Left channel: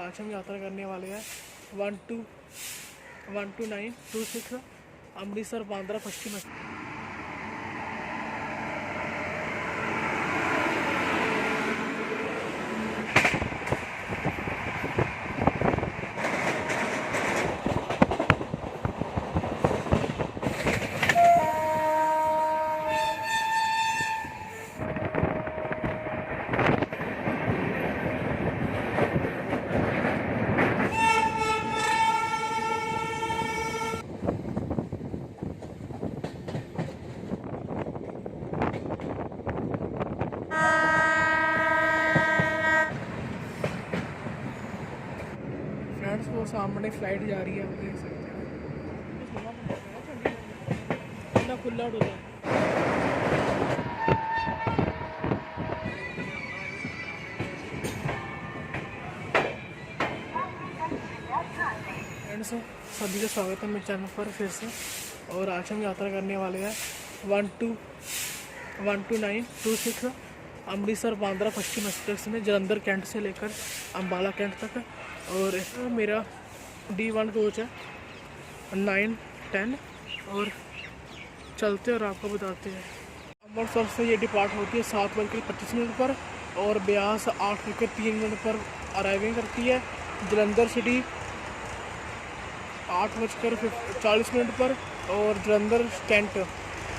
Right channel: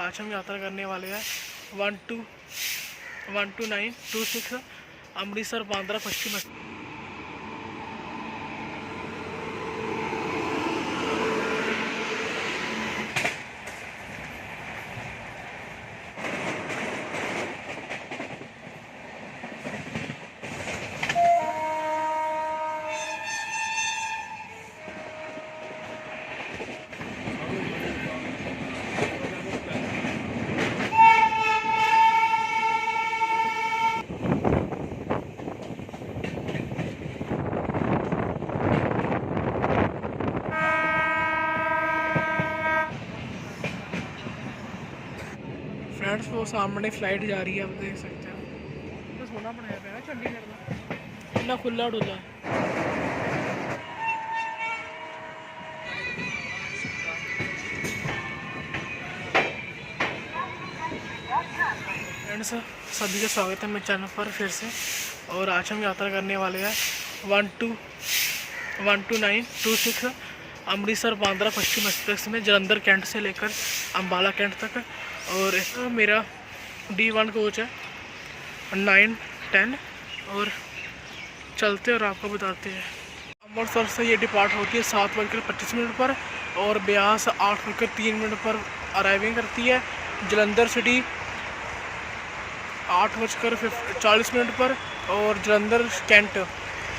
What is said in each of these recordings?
आज हम यात्रा करने वाले हैं 12926 अमृतसर बांद्रा पश्चिम। फ्रेंड्स वो सामने फ्लाइट जा रही है, आप देख सकते हो। तो सोना बनाया गया है चंडीगढ़ में, इतना खुला उड़ता है। फ्रेंड्स सभी का स्वागत है मेरे चैनल पर फिर से। और आज हम यात्रा करने वाले हैं 12926 अमृतसर बांद्रा पश्चिम एक्सप्रेस में जलंधर कैंट से लेकर अम्बाला कैंट तक। और मेरा D1 कोच है 9-10। और चलते और आपको बताते हैं। अमृतसर से ये डिपार्ट होती है 7:25 पर और ब्यास 8:03 पर अराइविंग करती है। जलंधर सिटी 8:40 पर और जलंधर कैंट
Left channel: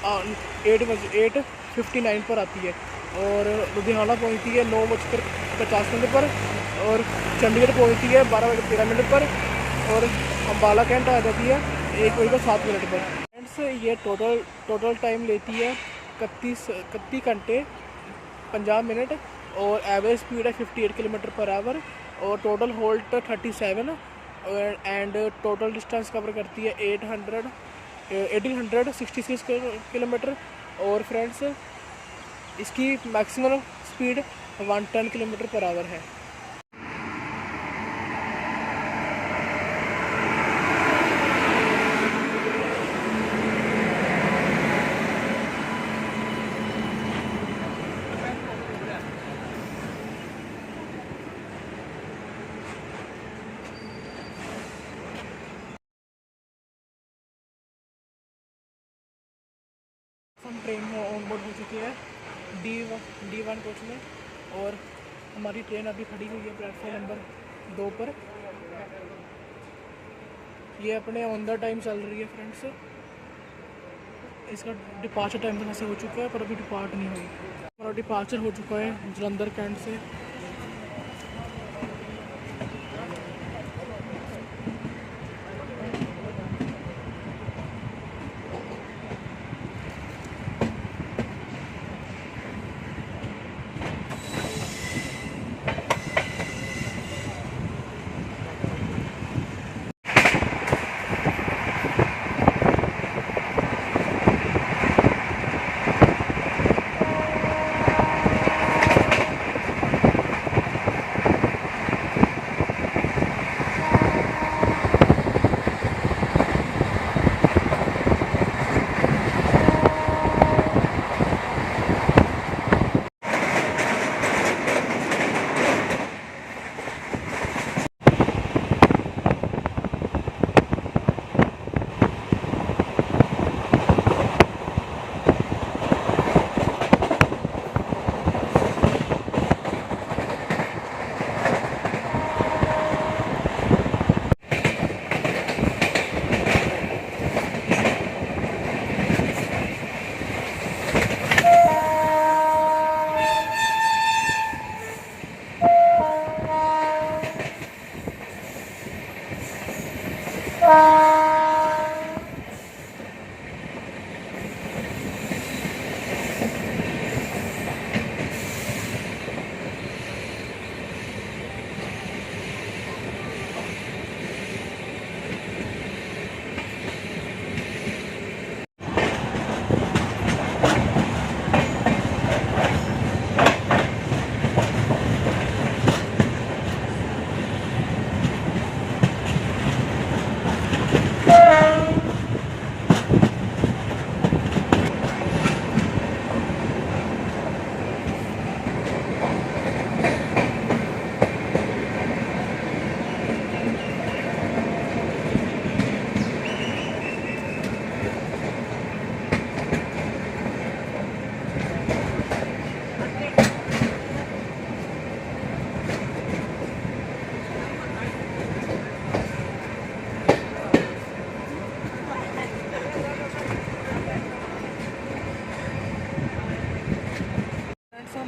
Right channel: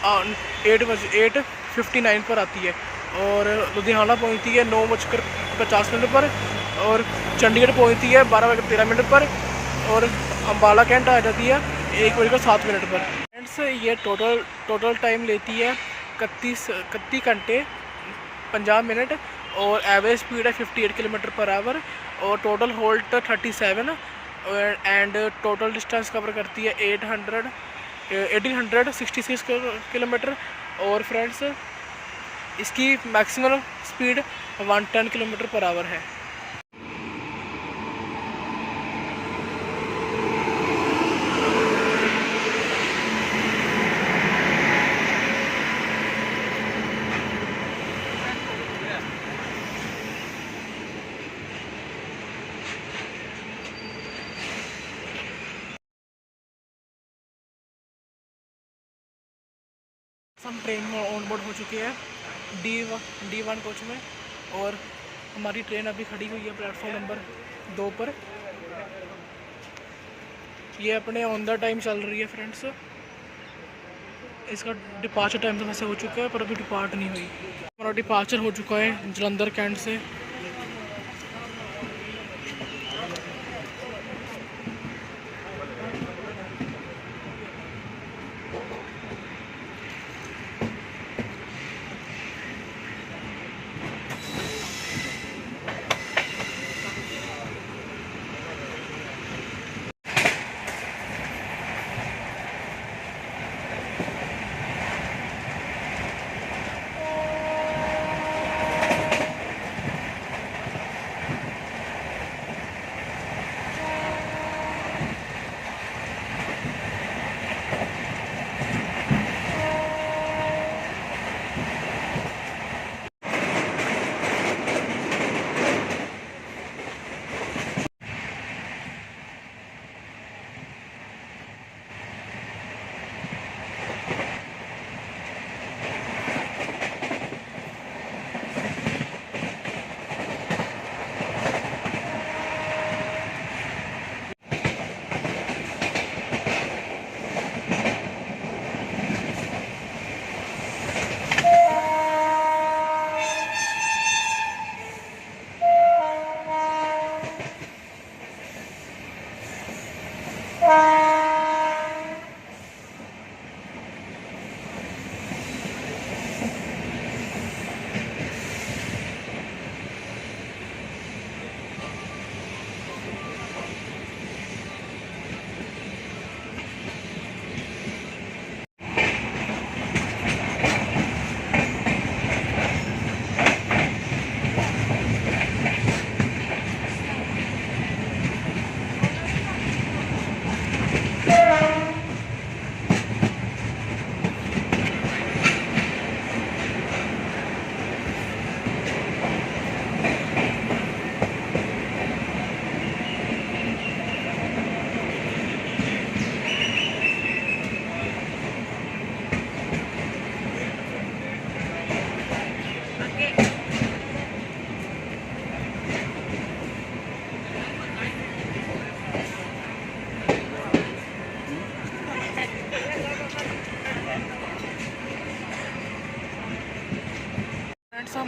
8:59 पर आती है। और लुधियाना पहुंचती है 9:50 पर और चंडीगढ़ पहुंचती है 12:13 पर और अम्बाला कैंट आ जाती है 1:07 पर। फ्रेंड्स ये टोटल टाइम लेती है 31 घंटे 50 मिनट और एवरेज स्पीड है 58 किलोमीटर पर आवर और total halt 37 and total distance cover करती है 1866 किलोमीटर। और फ्रेंड्स इसकी maximum speed 110 kilometre per hour है। हम ट्रेन में ऑन बोर्ड हो चुके हैं D1 कोच में और हमारी ट्रेन अभी खड़ी हुई है प्लेटफॉर्म नंबर 2 पर। ये अपने ऑन द टाइम चल रही है फ्रेंड्स। इसका डिपार्चर टाइम तो वैसे हो चुका है पर अभी डिपार्ट नहीं हुई। हमारा डिपार्चर हो चुका है जलंधर कैंट से।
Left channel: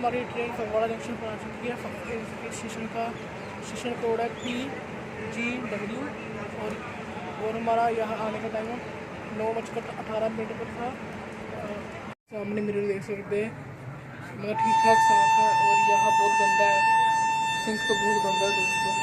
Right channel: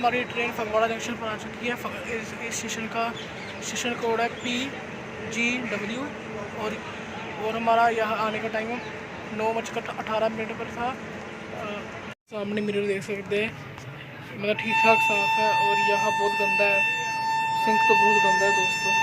हमारी ट्रेन फगवाड़ा जंक्शन पर आ चुकी है। इस स्टेशन का स्टेशन कोड है PGW और हमारा यहाँ आने का टाइम 9:18 पर था। सामने मिरर देख सकते हैं, मतलब ठीक ठाक साफ़ है। और यहाँ बहुत गंदा है, सिंक तो बहुत गंदा है दोस्तों।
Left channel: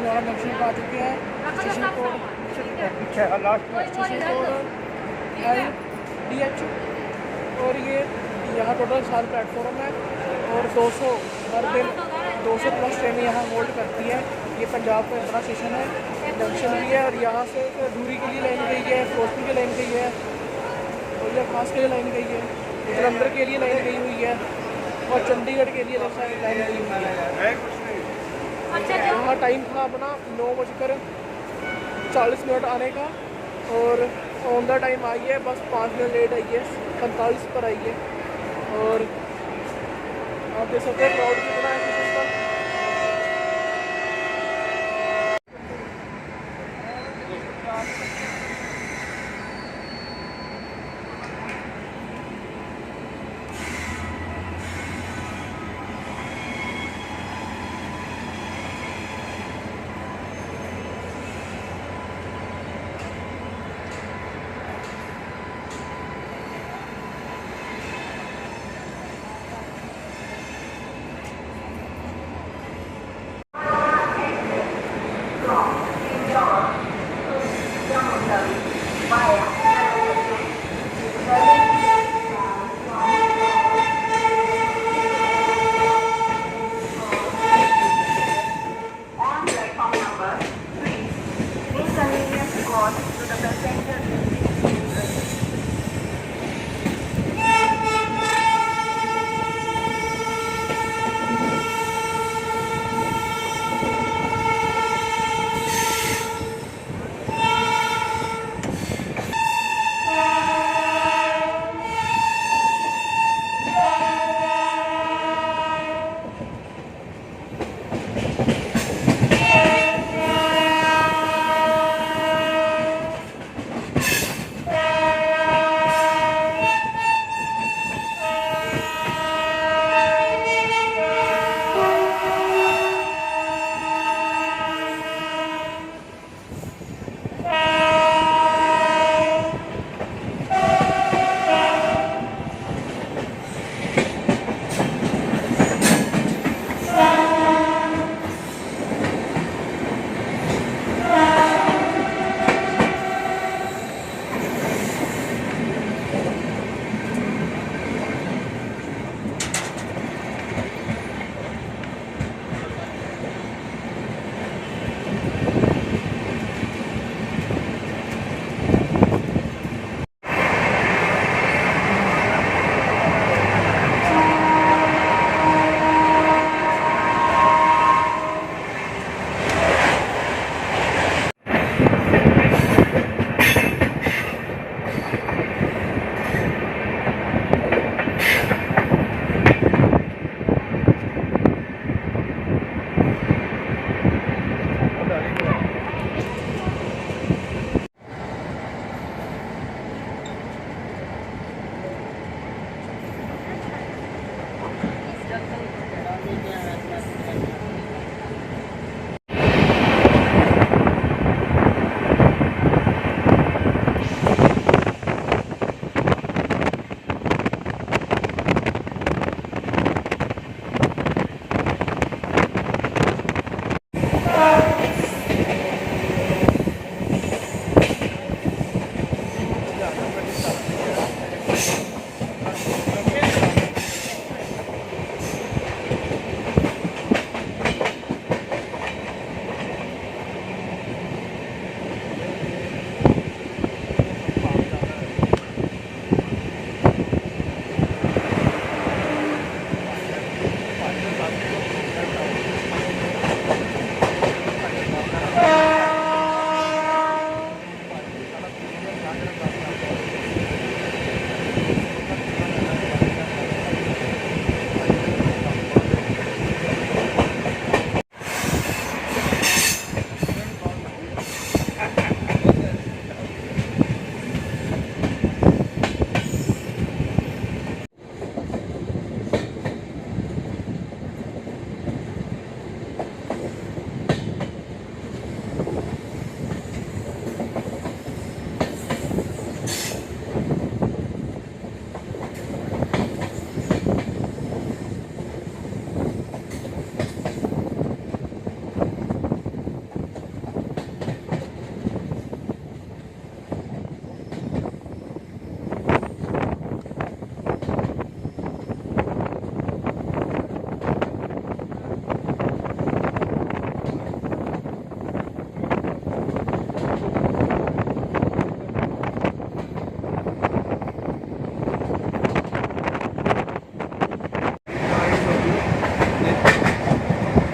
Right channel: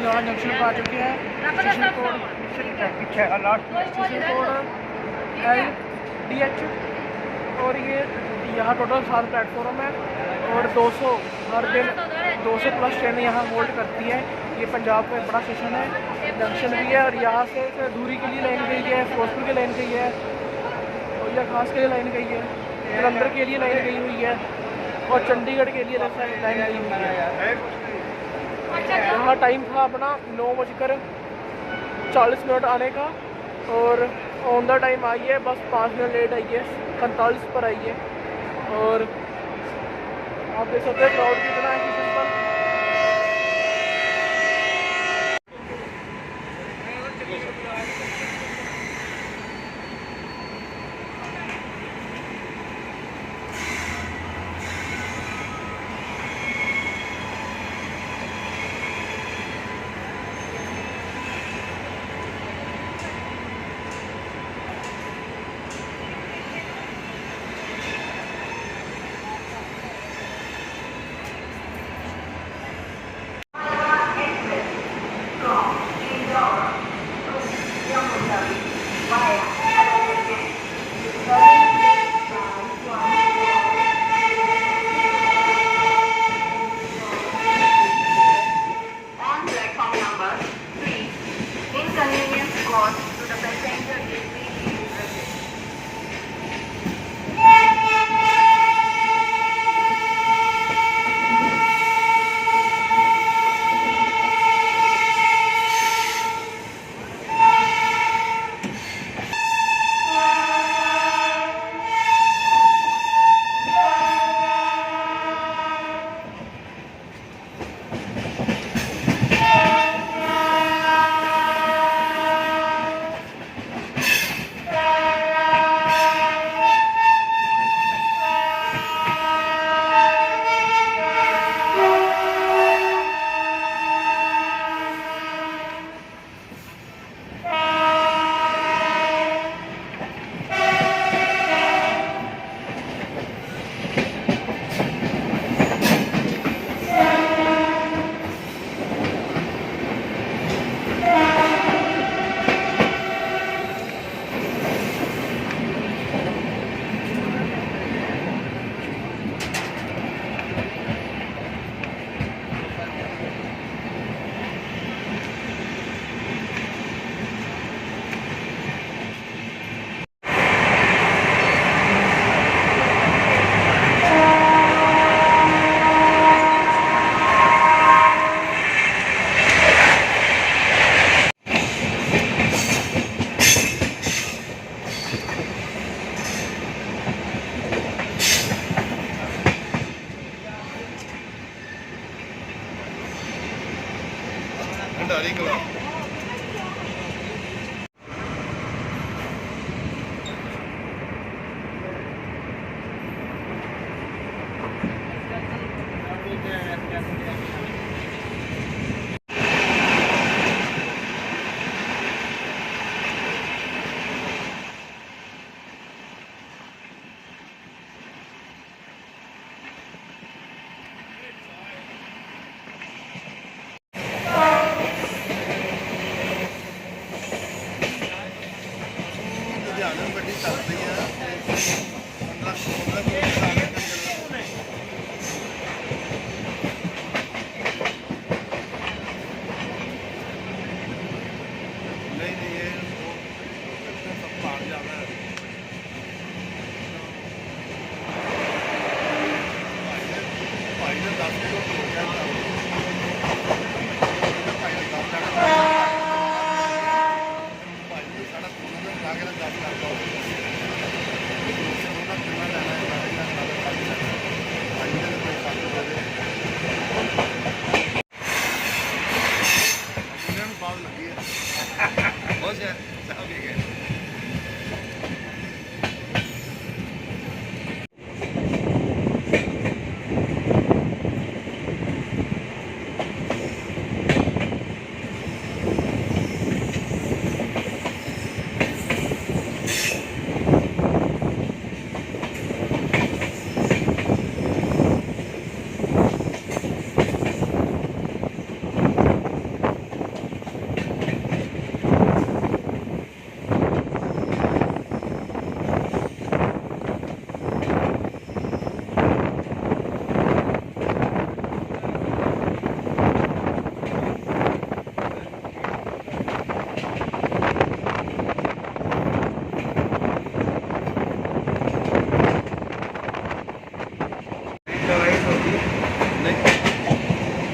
लुधियाना जंक्शन पर आ चुके हैं। स्टेशन कोड LDH और ये यहाँ टोटल 7 प्लेटफॉर्म है और 200 हर दिन 200 प्लस ट्रेनें यहाँ होल्ड करती हैं। ये पंजाब में बड़ा स्टेशन है, जंक्शन भी है और यहाँ से दूरी के लिए लाइन गई है, फिरोजपुर की लाइन गई है और यह खास के लिए लाइन गई है, जलंधर के लिए लाइन गई हुई है और चंडीगढ़ के लिए लाइन गई हुई है। यहाँ टाइम था अपना 9:40 आने का और ऑन द टाइम आई है, बस 5 मिनट लेट आई है, 45 पर आई है। और आप देख सकते हैं क्राउड कितना है स्टेशन पर।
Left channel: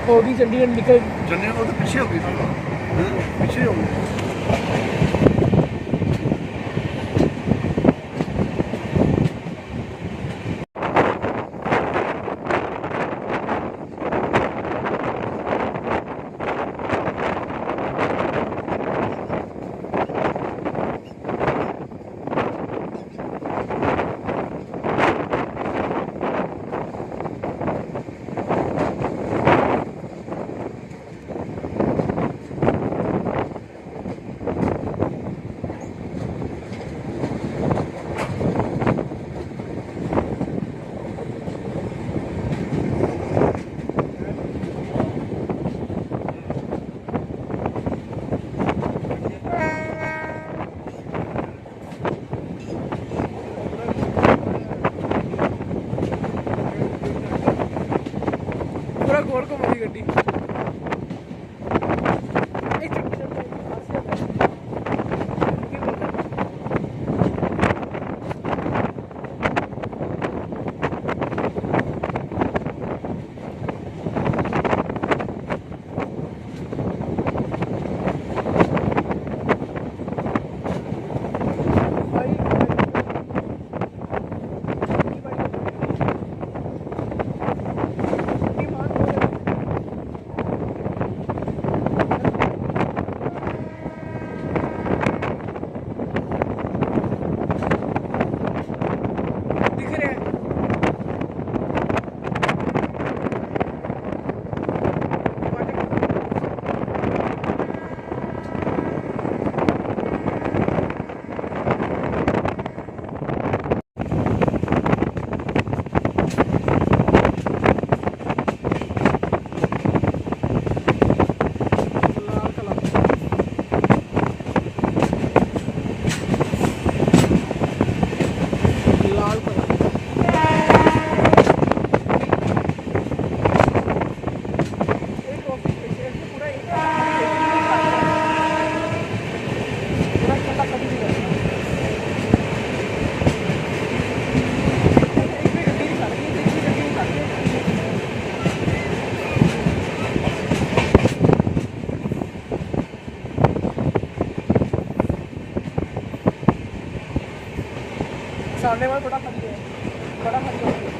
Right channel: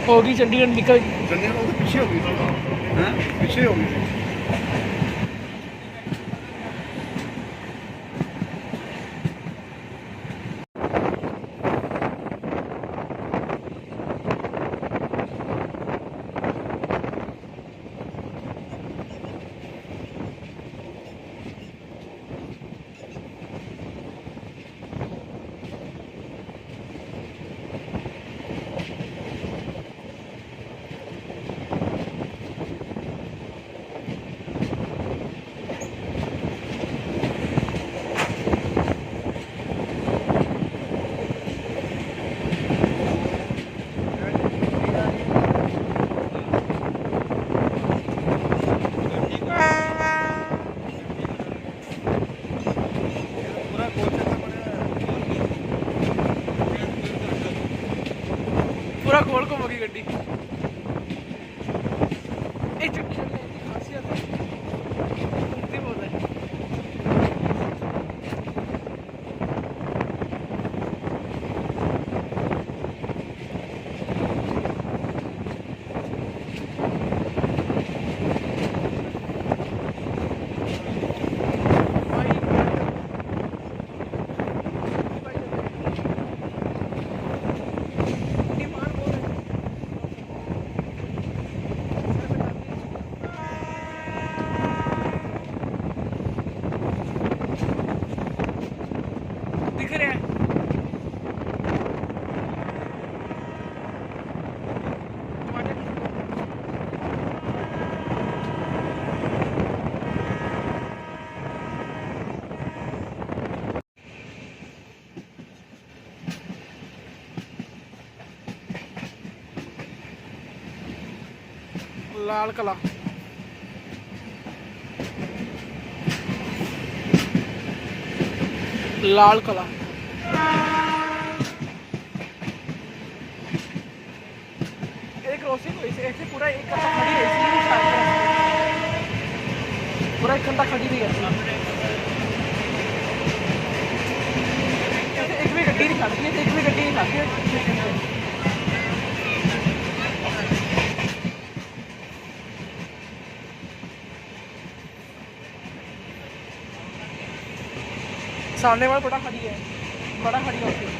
हो गई चंडीगढ़ निकल चंडीगढ़ तो पीछे हो गई हाँ पीछे हो गई पूरा गोल घूमेगी गड्डी दिख रहे हैं लाल कला लाल कला पूरा एक घंटा खड़ी नहीं है एक भी गड्डी नहीं खाती है एक भी गड्डी नहीं खाती है सामने वाला बड़ा खड़ी है बड़ा खड़ी होती है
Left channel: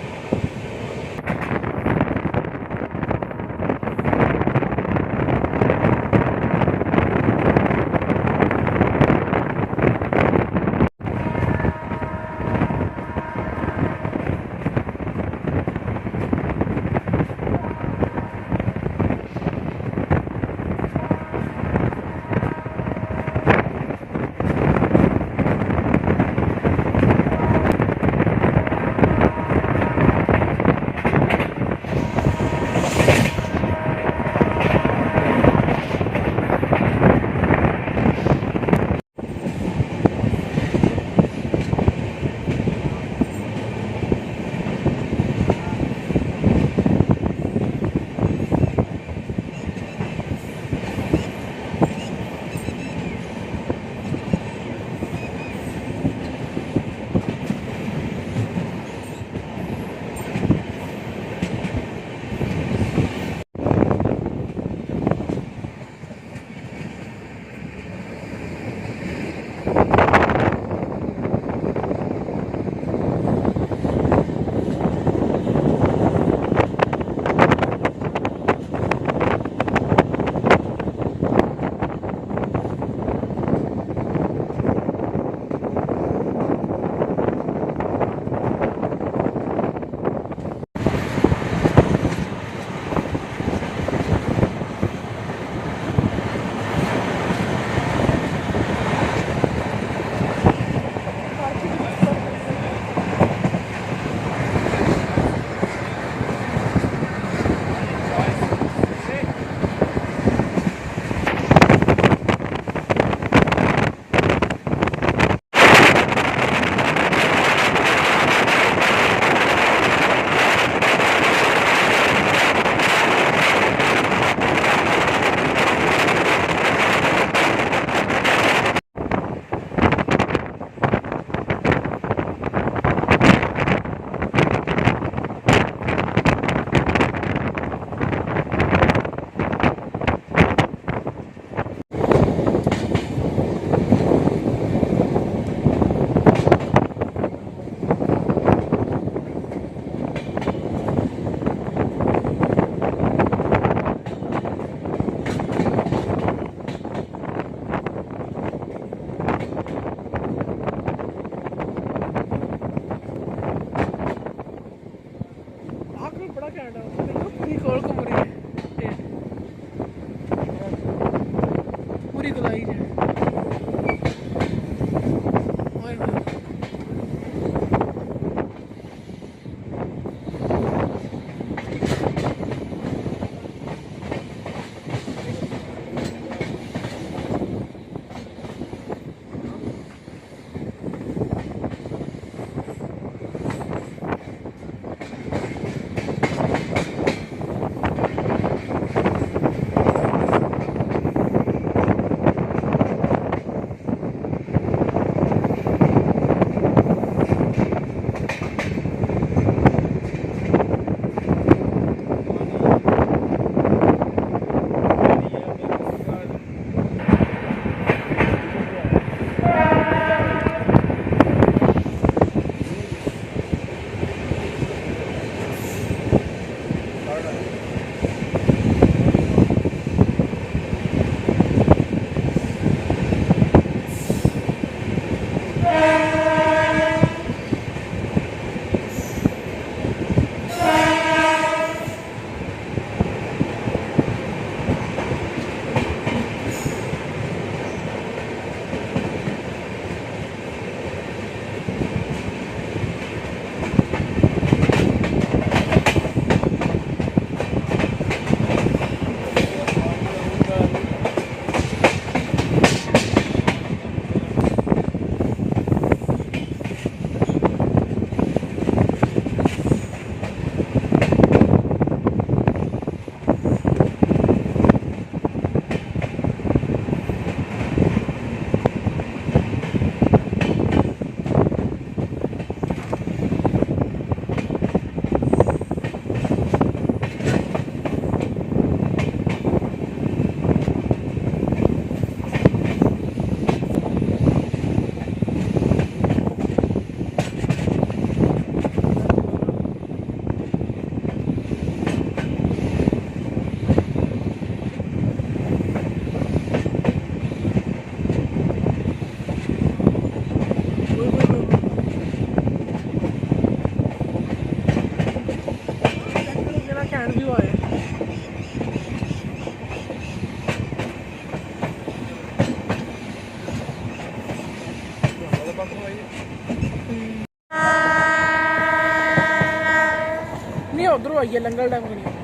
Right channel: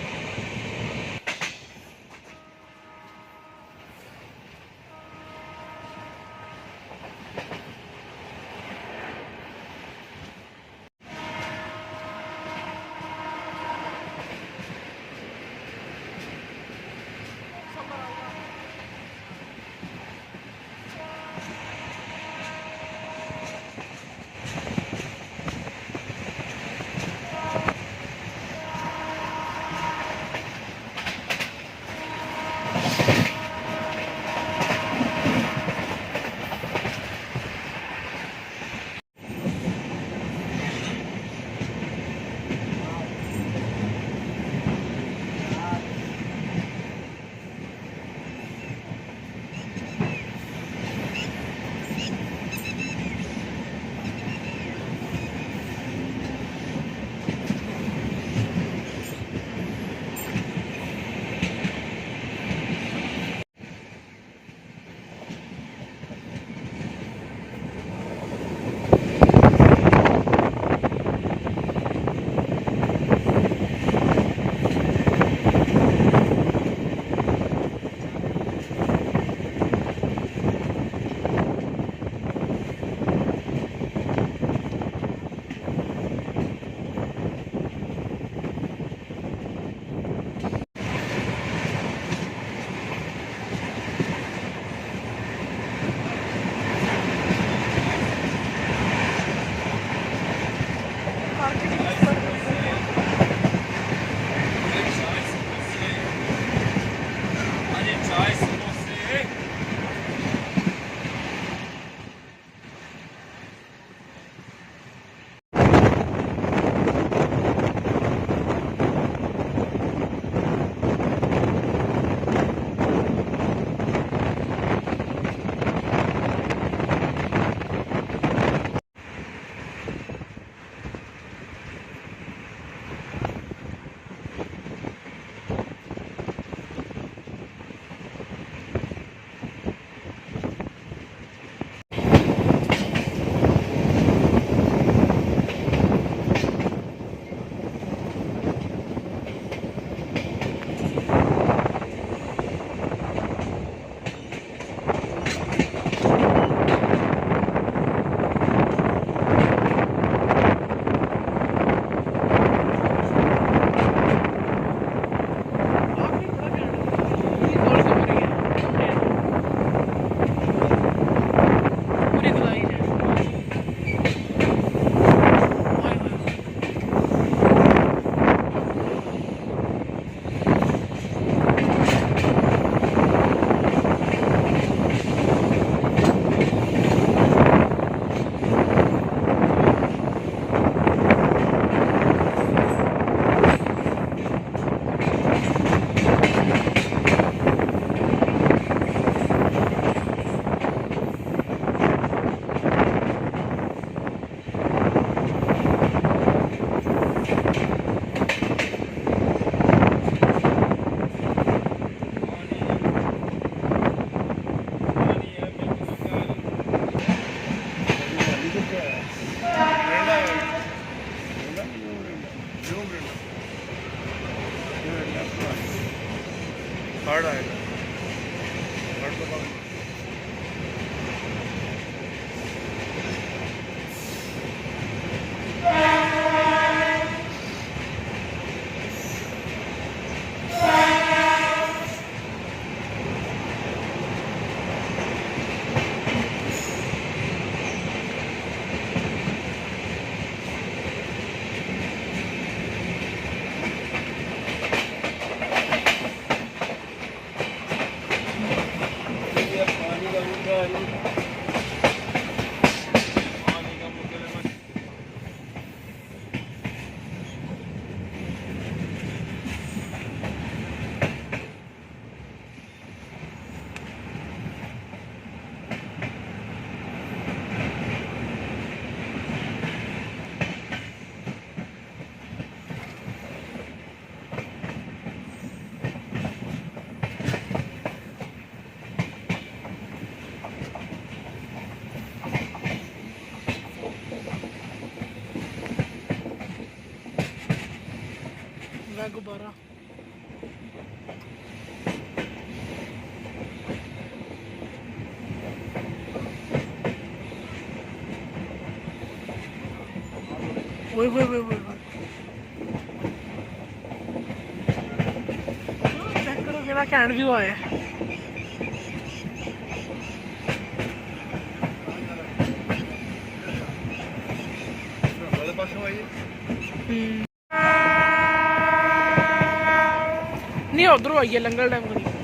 फ्रंट व्यू आए। नहीं उधरों आइए लंगर डैम करिए।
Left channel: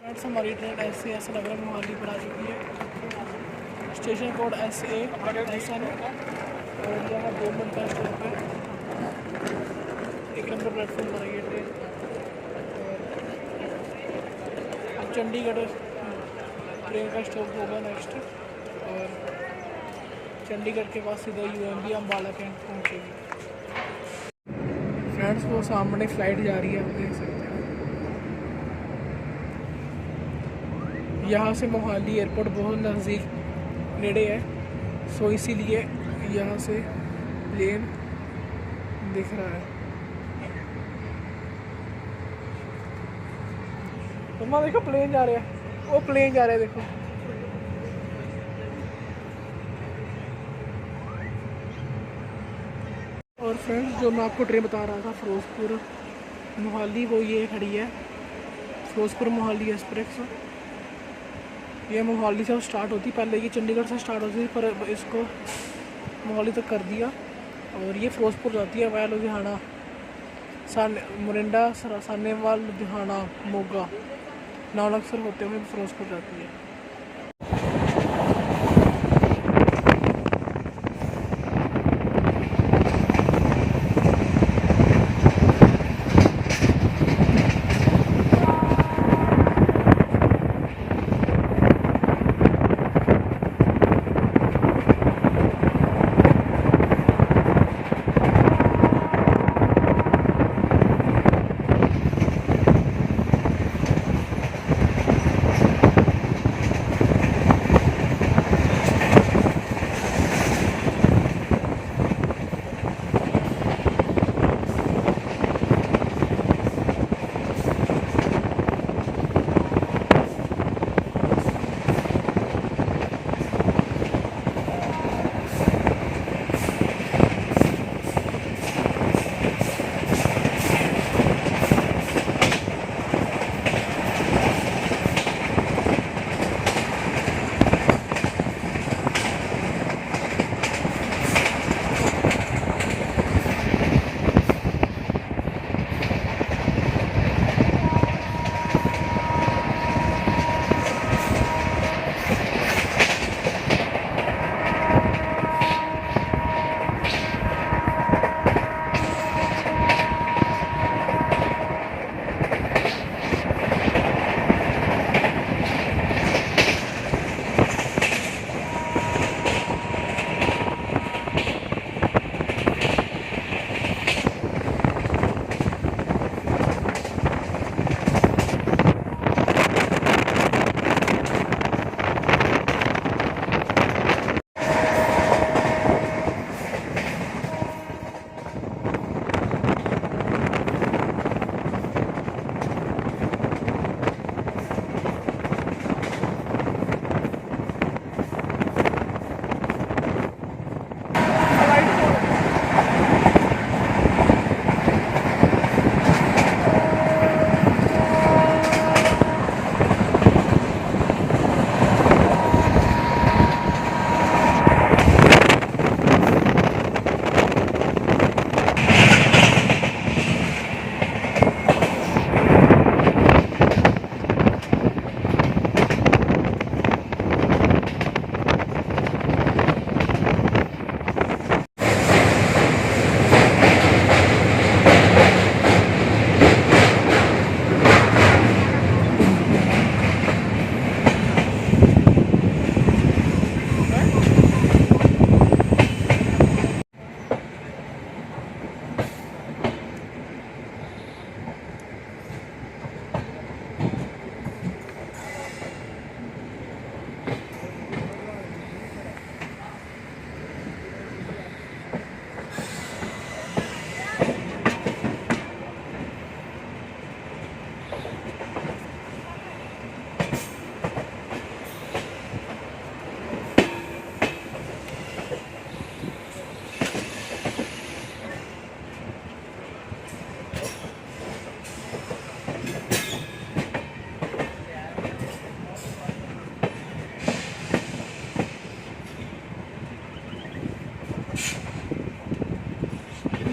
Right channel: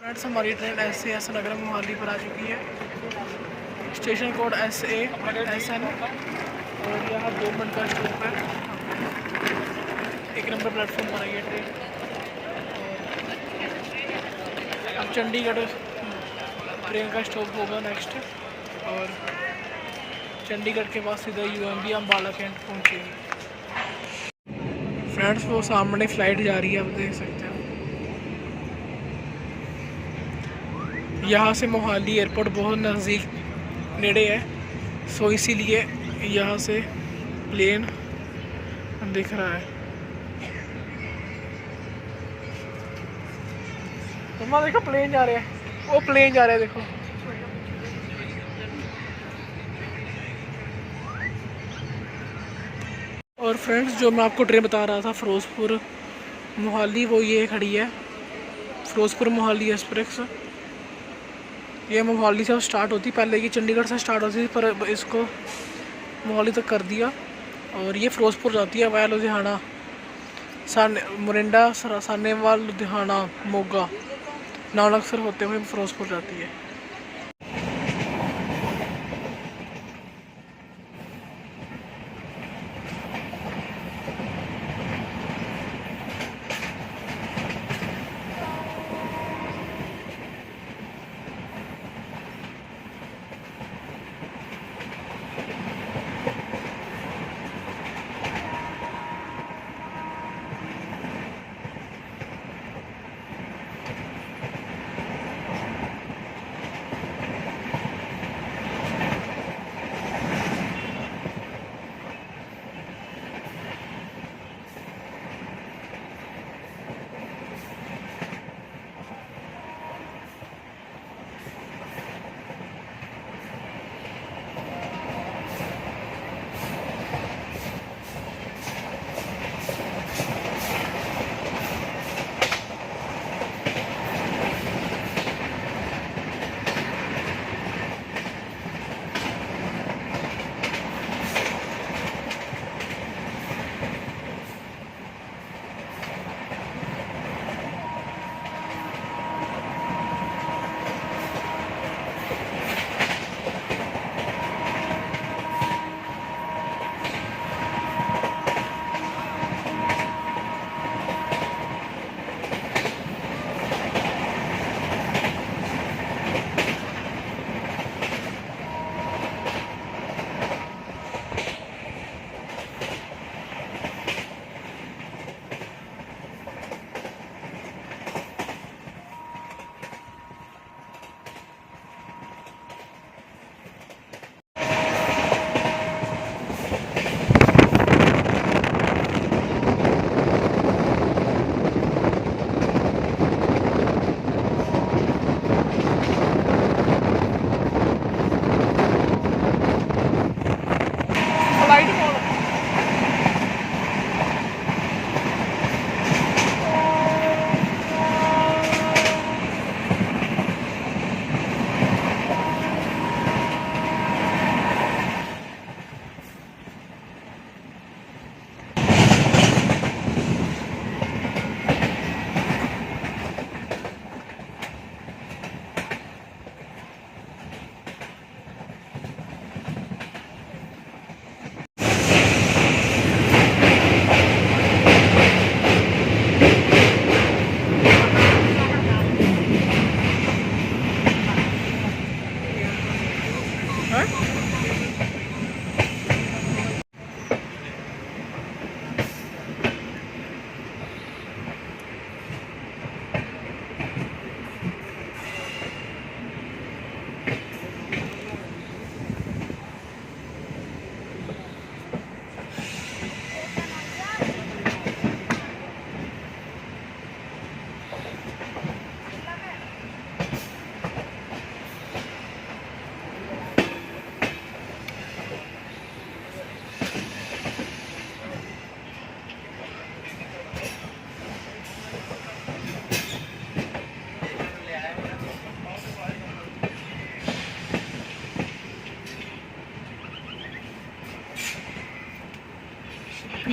फ्रेंड्स हमारी ट्रेन एस नगर मोहाली पर आ चुकी है। स्टेशन कोड SASN और यहाँ 2 मिनट का स्टॉप है। 1 नंबर प्लेटफॉर्म पर आई है ट्रेन। और अब चंडीगढ़ ट्रेन का स्टॉप होगा नेक्स्ट, और चंडीगढ़ के बाद सीधा UMB अम्बाला कैंट पहुँचेगी। फ्रेंड्स वो सामने फ़्लाइट जा रही है, आप देख सकते हो। यहाँ से मोहाली एयरपोर्ट बहुत नज़दीक नेड़े है, सो इसीलिए यहाँ से प्लेन दिख रहा है। मम्मा देखो प्लेन जा रहे हैं, वो प्लेन जा रहे हैं देखो। और फ्रेंड्स जो मैं आपको ट्रेन बता रहा था फिरोजपुर मोहाली, वो ये खड़ी है फिरोजपुर मोहाली एक्सप्रेस। ये मोहाली से स्टार्ट होती, पहले ये चंडीगढ़ से स्टार्ट होती थी पर इसको मोहाली तक कर दिया। और ये फिरोजपुर जाती है वाया लुधियाना, मोरिंडा, सानेवाल, लुधियाना, मोगा, नानकसर होते हुए फिरोजपुर जाती है।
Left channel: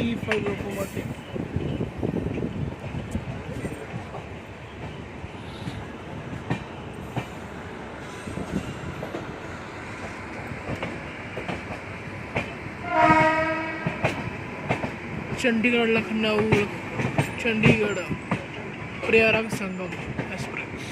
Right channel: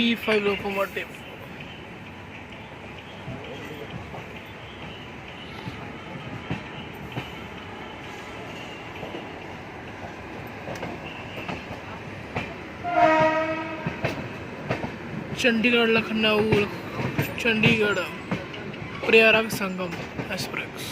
E5 locomotive. Chandigarh Lucknow Chandigarh Prayagraj Sangam express.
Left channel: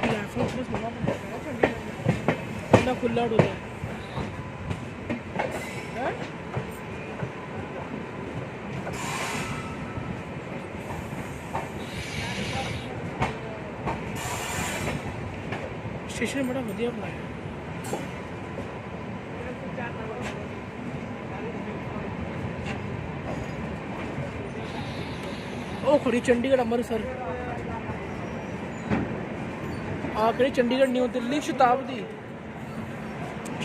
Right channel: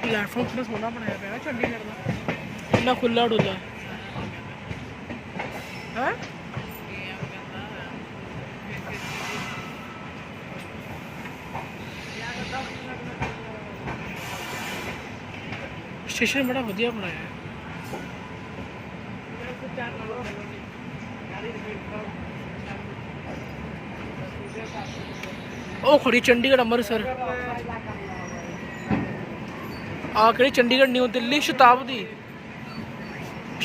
Platform थोड़ा सोना बनाया गया है चंडीगढ़ में, इतना खुला उड़ता है। स्टेशन बड़ा बढ़िया बनाया है। ओ खड़ी चंडीगढ़ अमृतसर आखिरी चंडीगढ़ न्यू दिल्ली शताब्दी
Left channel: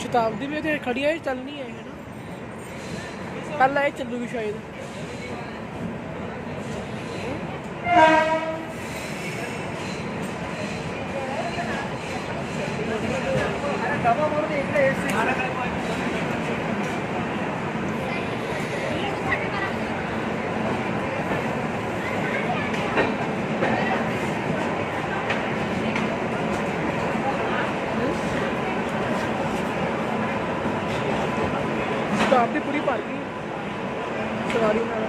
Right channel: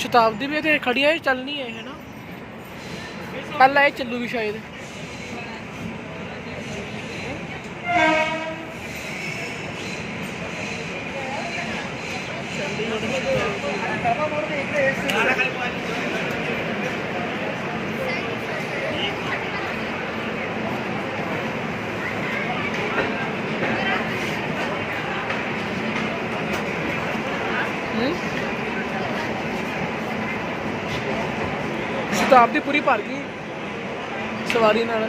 शताब्दी भी तो खड़ी है, चलनी है ना, कल आए चलूगी शायद। शताब्दी पूरी भर गई सवारी नाल।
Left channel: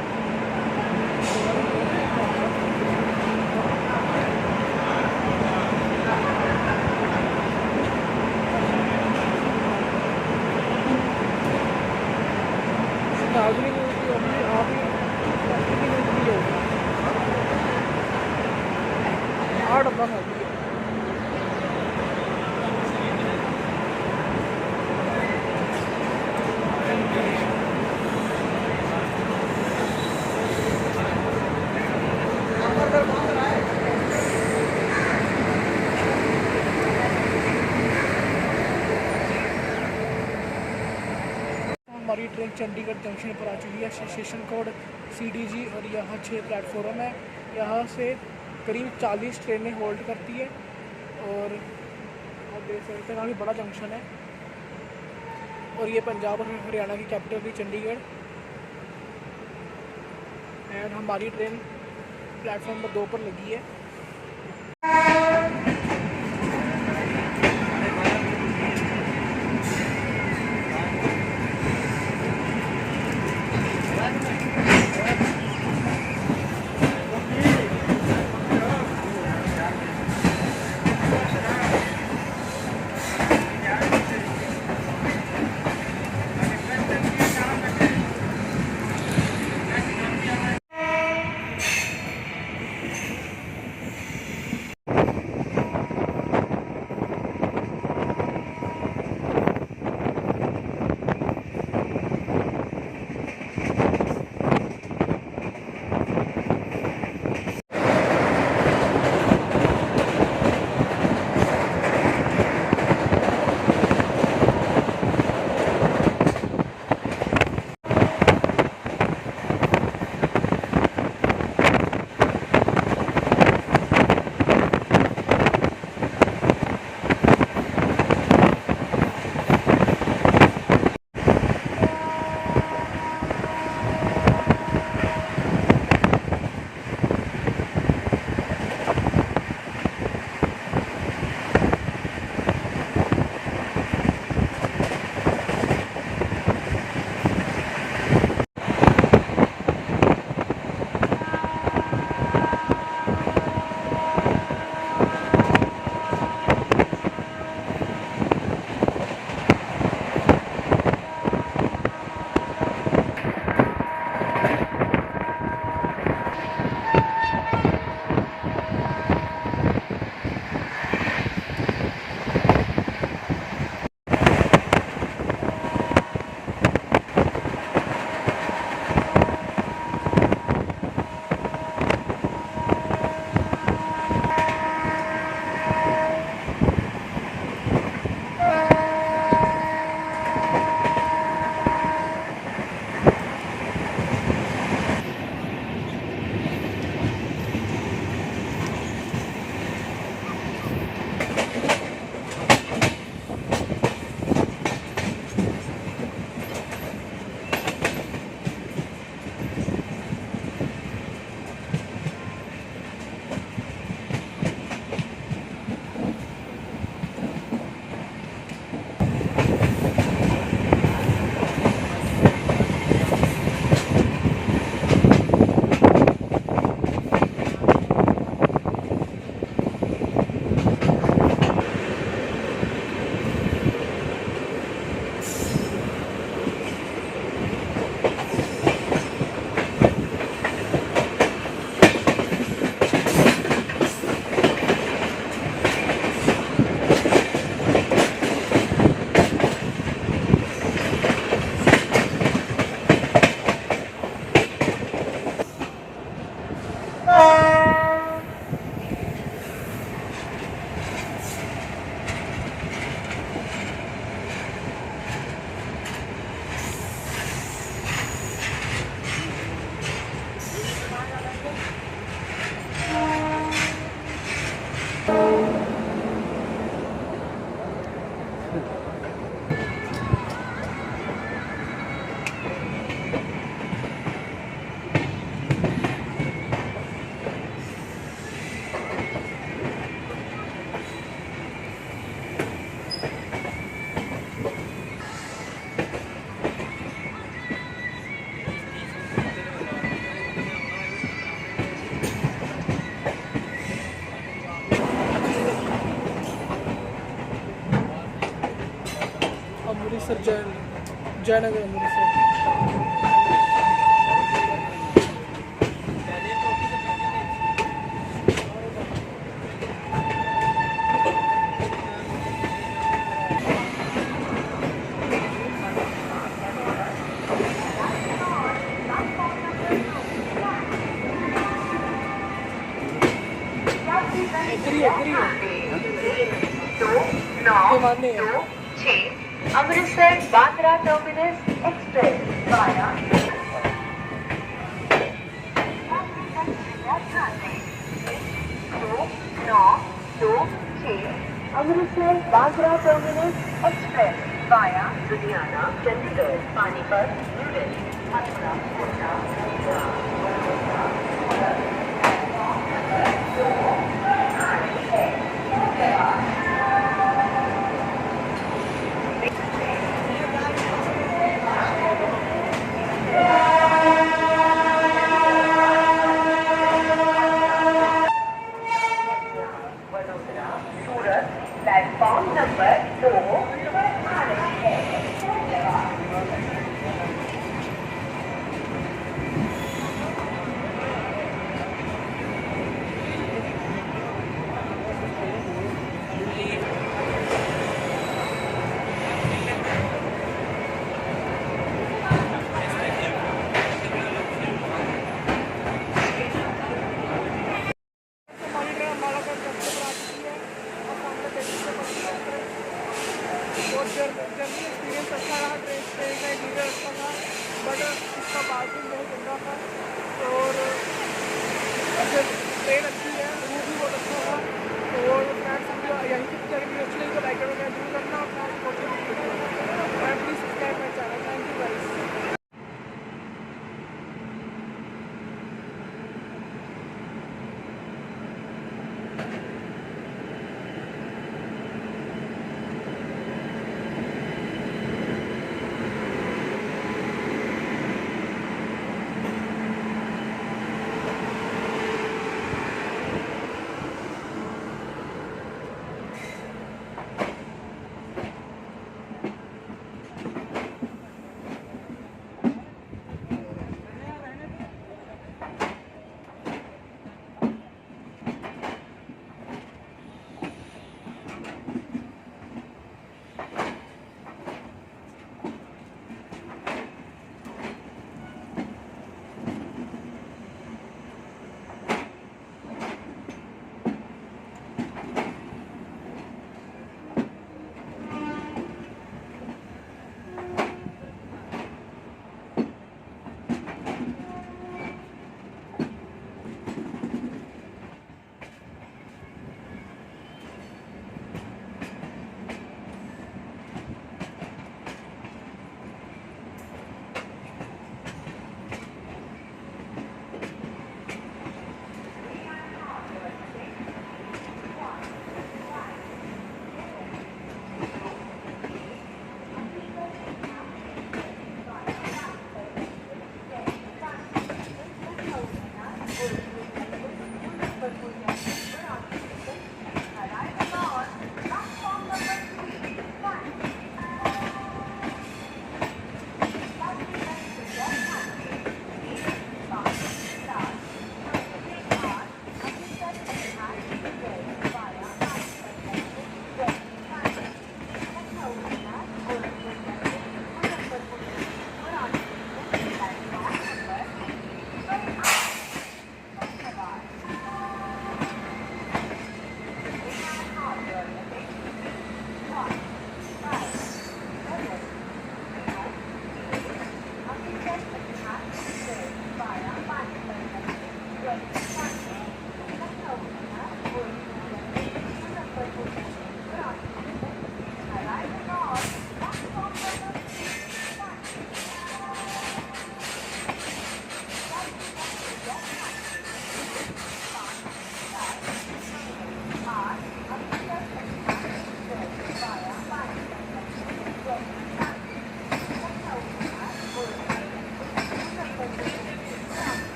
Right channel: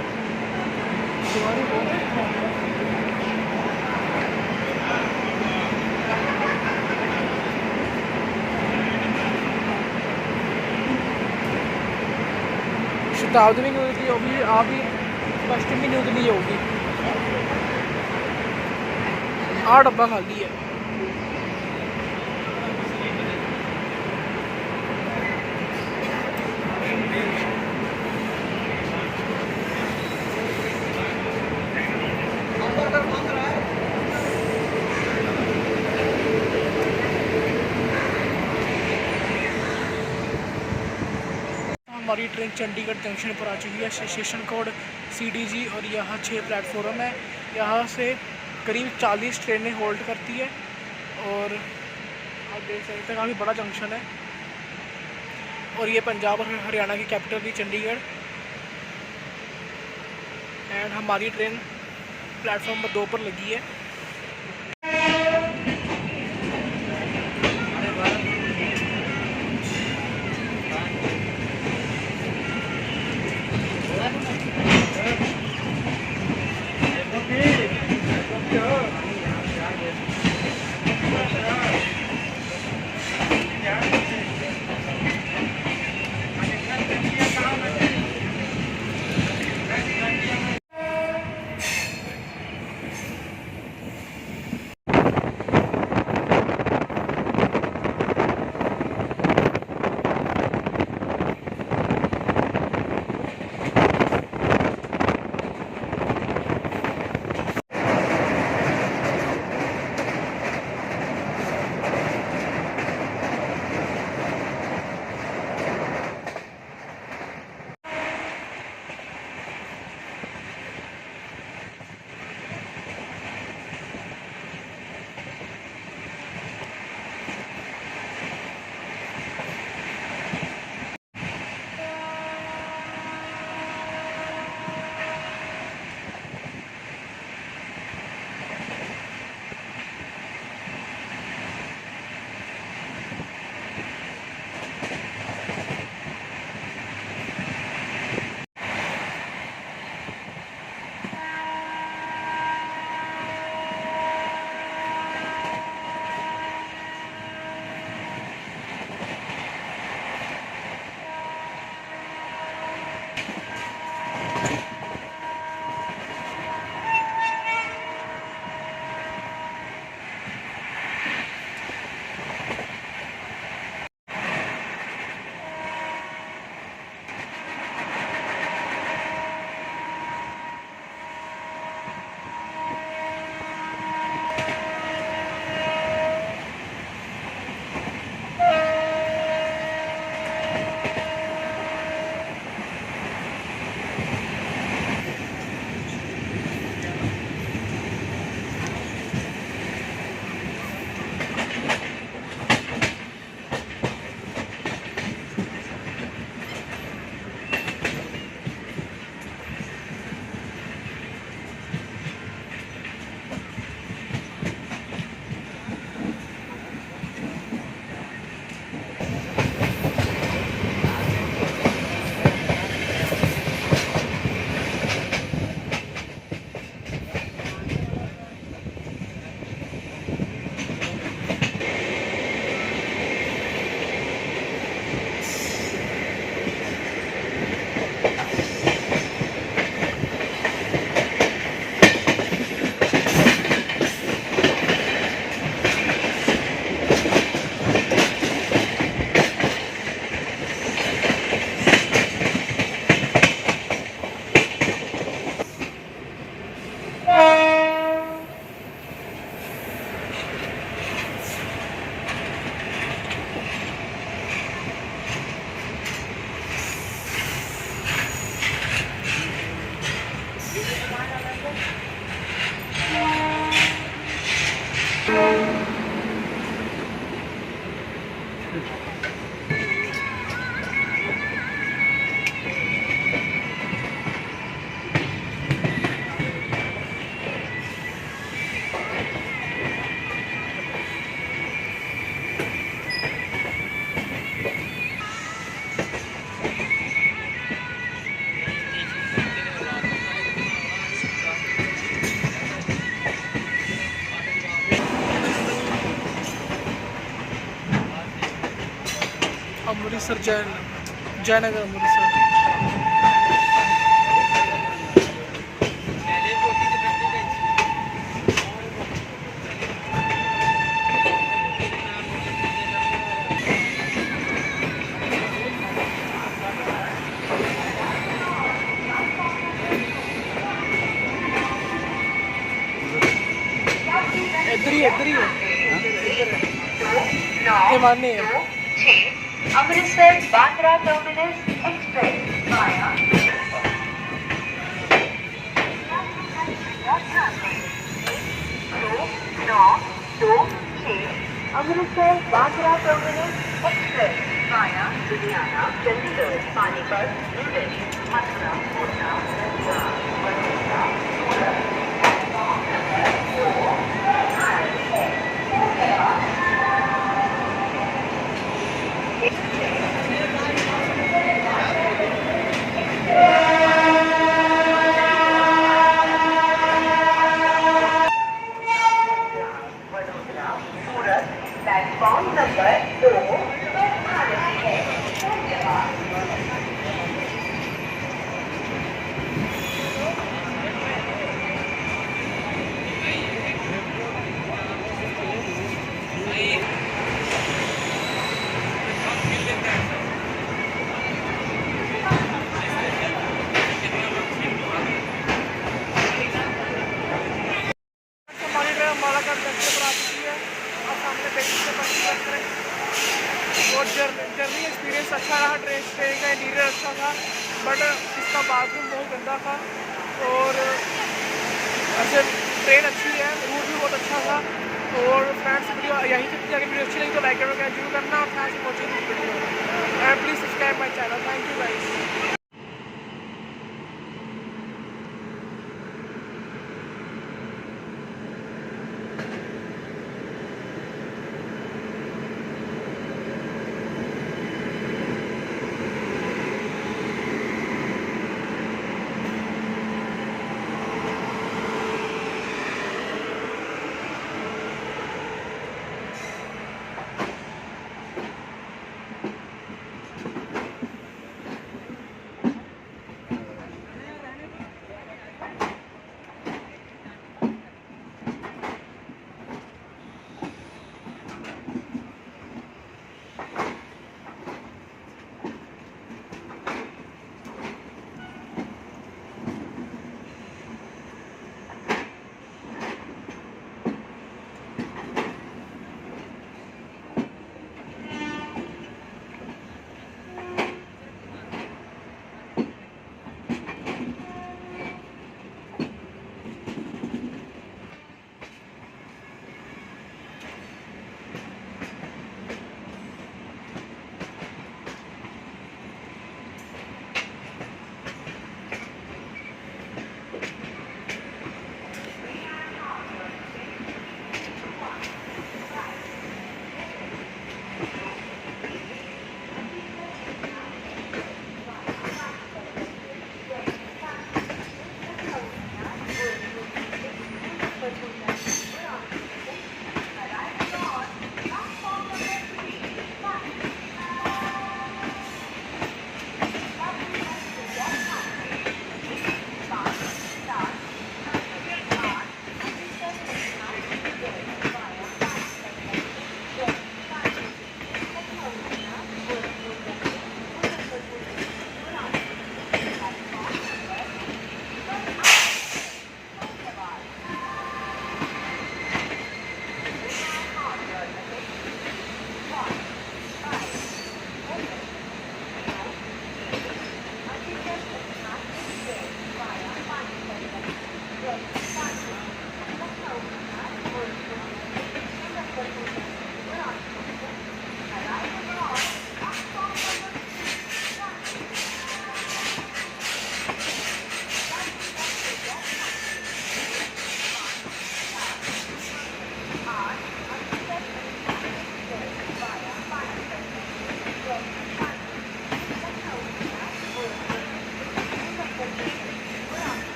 शताब्दी में न्यूज़ की होगी, आप ही पश्चिम में न्यूज़ नहीं होगी। 8 डब्बा खाली है। हमारी ट्रेन चंडीगढ़ जंक्शन पर आ चुकी है। स्टेशन कोड CDG और यहाँ 6 प्लेटफॉर्म है। यहाँ से करीब 40 ट्रेनें होल्ड करती है और आप देख सकते हैं काफ़ी बड़ा जंक्शन है। और ये पंजाब और हरियाणा की कैपिटल थी चंडीगढ़। एंड हमारी ट्रेन प्लेटफॉर्म नंबर 2 पर लगी है। अमृतसर जयनगर अमृतसर। इधर ही Amritsar Bandra terminus express via Amritsar Bandra terminus express via Ludhiana Chandigarh Panipat new Delhi Mathura. Platform number 2 हमारी ट्रेन अम्बाला कैंट जंक्शन पर आ चुकी है। अब सामने पेटी से पश्चिम ट्रेन। और जर्नी एक्सपीरियंस अच्छा रहा। ट्रेन का इंटीरियर अच्छा था, बट इसका बाथरूम बहुत गंदा था। और ऐसे ट्रेन अच्छी है, रूट भी बहुत अच्छा था। और फ्रेंड्स वीडियो यहीं से वीडियो अच्छी लगी तो लाइक करना जरूर करना और फ्रेंड्स पहुँचे वीडियो।